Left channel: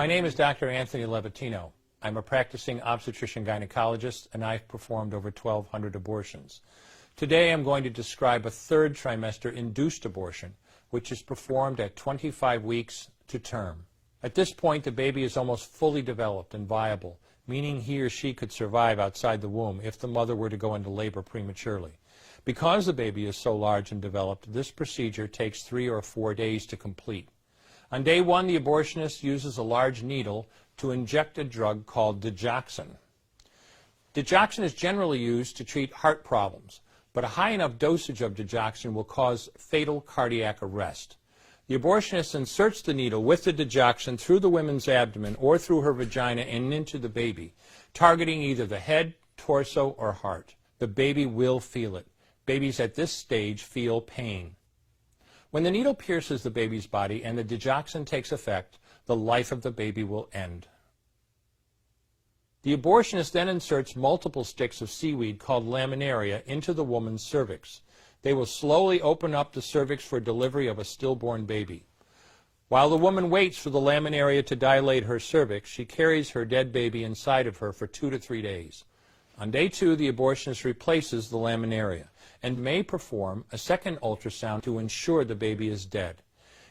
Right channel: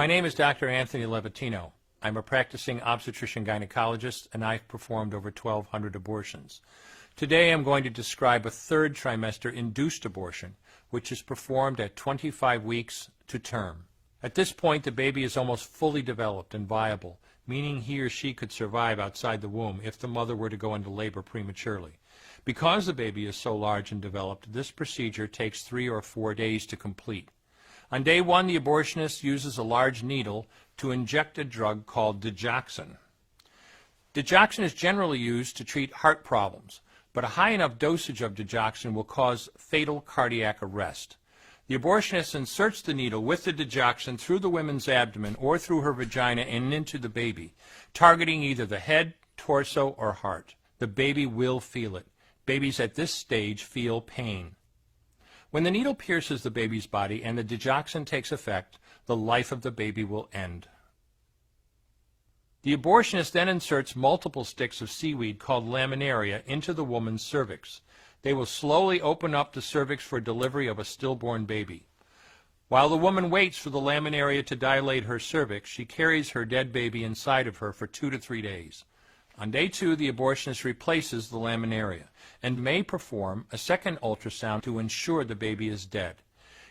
My name is Dr. Anthony Levatino. I'm a practicing obstetrician-gynecologist, and I've performed over 1,200 abortions. Today I'm going to describe a third trimester induced abortion, which is performed at 25 weeks to term. At this point, the baby is almost fully developed and viable, meaning he or she could survive outside the womb if the mother were to go into labor prematurely. Because the baby is so large and developed, this procedure takes 3 or 4 days to complete. On day 1, the abortionist uses a large needle to inject a drug called digoxin. Digoxin is generally used to treat heart problems, but a high enough dosage of digoxin will cause fatal cardiac arrest. The abortionist inserts the needle with the digoxin through the woman's abdomen or through her vagina and into the baby, targeting either the head, torso, or heart. The baby will feel it. Babies at this stage feel pain. When the needle pierces the baby's body and the digoxin takes effect, the life of the baby will end. The abortionist then inserts multiple sticks of seaweed called laminaria into the woman's cervix. They will slowly open up the cervix for delivery of a stillborn baby. While the woman waits for the laminaria to dilate her cervix, she carries her dead baby inside of her for 2 to 3 days. On day 2, the abortionist replaces the laminaria and may perform a second ultrasound to ensure the baby is dead.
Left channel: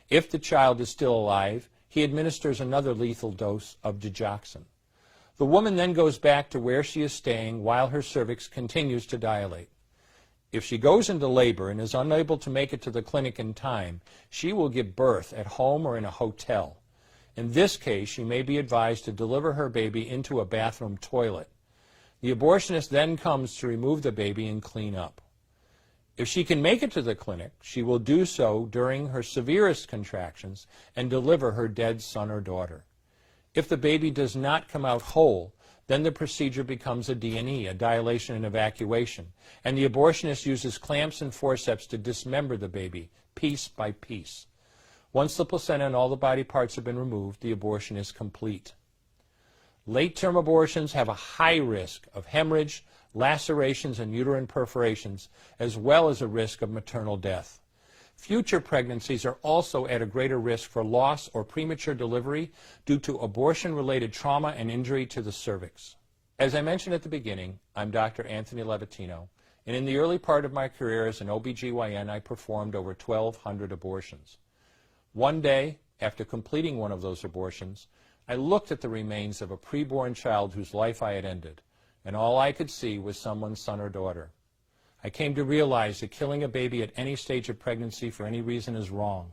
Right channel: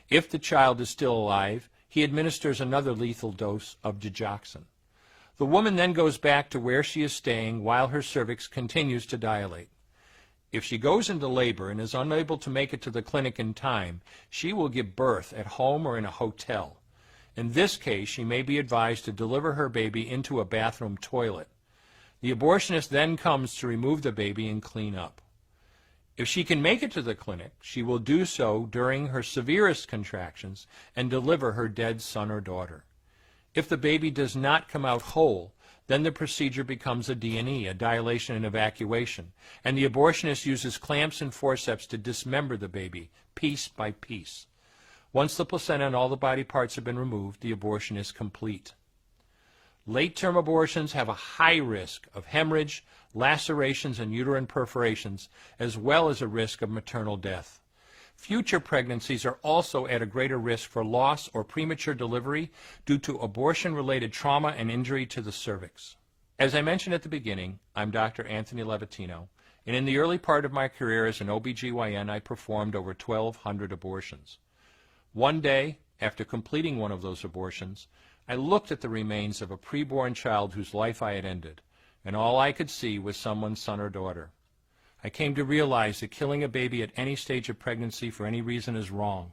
If the child is still alive, he administers another lethal dose of digoxin. The woman then goes back to where she is staying while her cervix continues to dilate. If she goes into labor and is unable to make it to the clinic in time, she will give birth at home or in a hotel. In this case, she may be advised to deliver her baby into a bathroom toilet. The abortionist then comes to remove the baby and clean up. If she can make it to the clinic, she will do so during her severest contractions and deliver her dead son or daughter. If the baby does not come out whole, then the procedure becomes a D&E, a dilation and evacuation, and the abortionist uses clamps and forceps to dismember the baby, piece by piece. Once the placenta and all the body parts have been removed, the abortion is complete. Late-term abortions have a high risk of hemorrhage, lacerations, and uterine perforations, as well as a risk of maternal death. Future pregnancies are also at a greater risk for loss or premature delivery due to abortion-related trauma and injury to the cervix. As I mentioned at the beginning, I'm Dr. Anthony Levatino, and in the early part of my career as an OBGYN, I performed over 1,200 abortions. One day, after completing one of those abortions, I looked at the remains of a preborn child whose life I had ended, and all I could see was someone's son or daughter. I came to realize that killing a baby at any stage of pregnancy for any reason is wrong.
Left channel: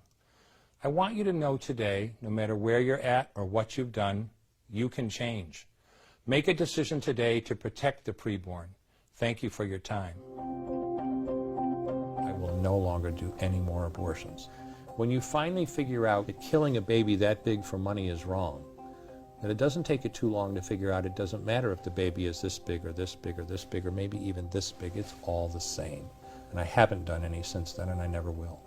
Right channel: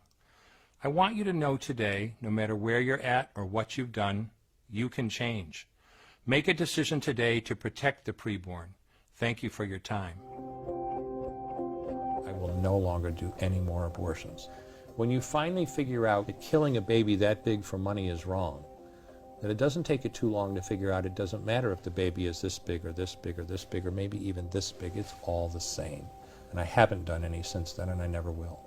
I want you to know today, no matter where you're at or what you've done, you can change. Make a decision today to protect the preborn. Thank you for your time. I will no longer do any more abortions. When you finally figure out that killing a baby that big for money is wrong, that it doesn't take you too long to figure out it doesn't matter if the baby is this big or this big or this big or maybe even this big, it's all the same. And I haven't done any since then, and I never will.